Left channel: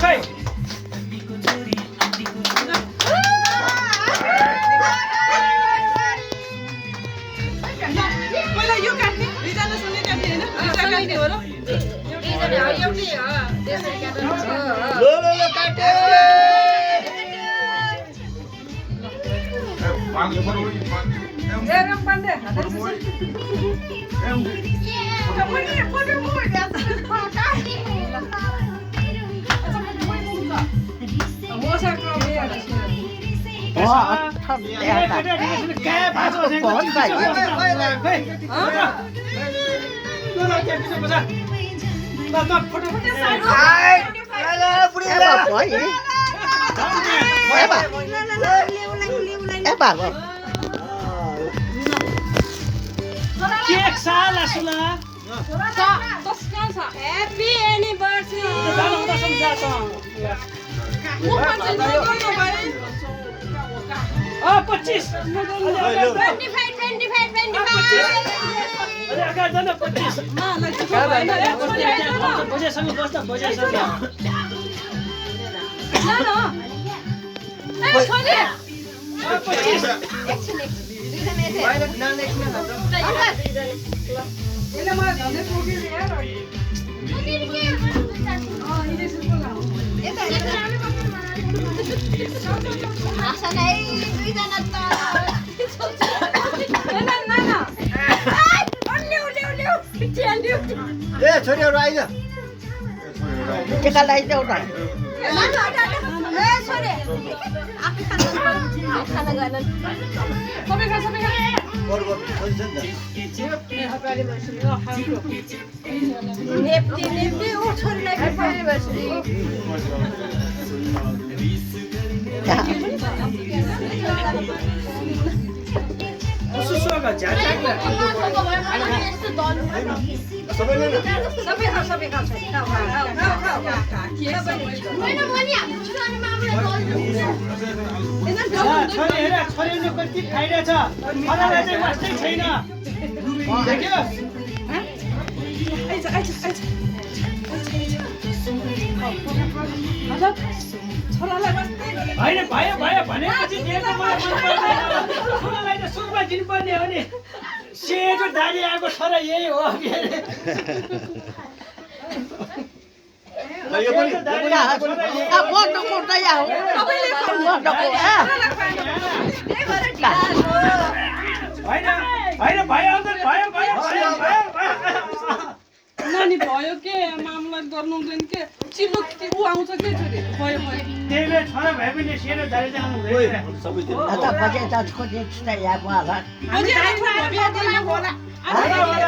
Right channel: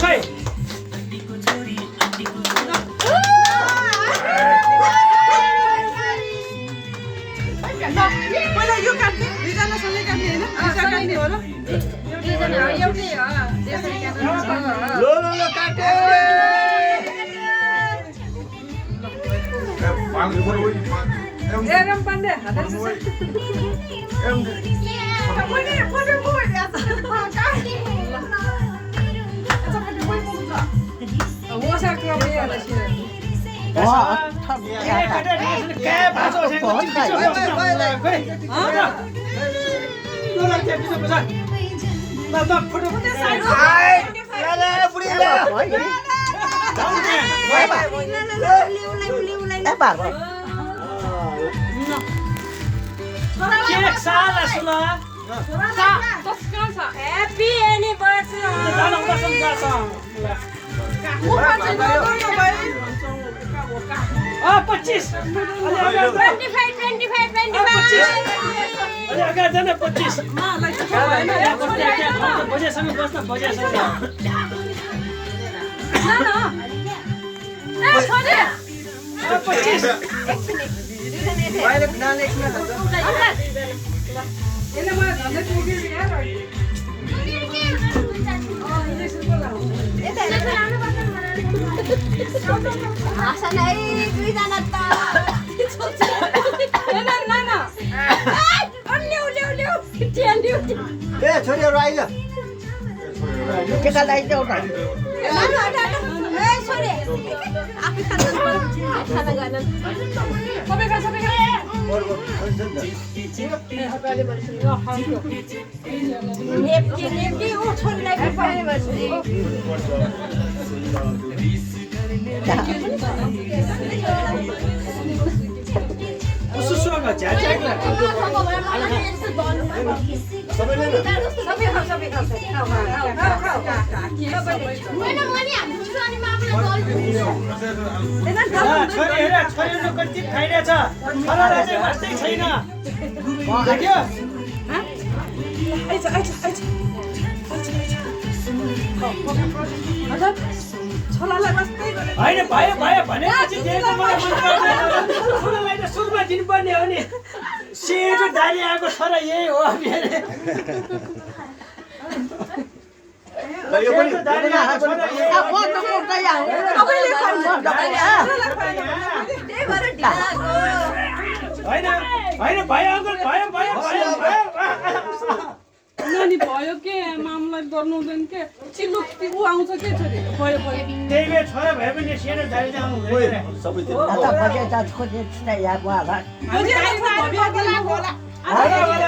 खै पहिला यो काट्ने दुईजनासँगै काट्ने होइन दुईजना काट्ने हो र दुईजना एउटै त्यसरी काट्नु काटे एरम पाण्डे हात Happy anniversary. 25 छोरीहरु आइज केटालाई चाहिँ उठा छोरीहरु कति खाइरहेछ छोराले चाहिँ वास्तै छैन देख्यो होइन भयो भयो भनेपछि दिएको मलाई छोरालाई त सुरुमा दिनुपर्ने हो नि सेतो दारी आएको छोरा यही हो मेरो होइन भयो अङ्कल भयो भयो नानी भयो के मामलाई गर्नु हुँदैन के चिल्लो ऊ आउँछ के छोरी भयो भयो त्यही भएर छोरा भए पनि सेतो दारी चाहिँ आउनु बजे 10 को चाहिँ यहाँ होला अझै आइफा भव्य दिनु होला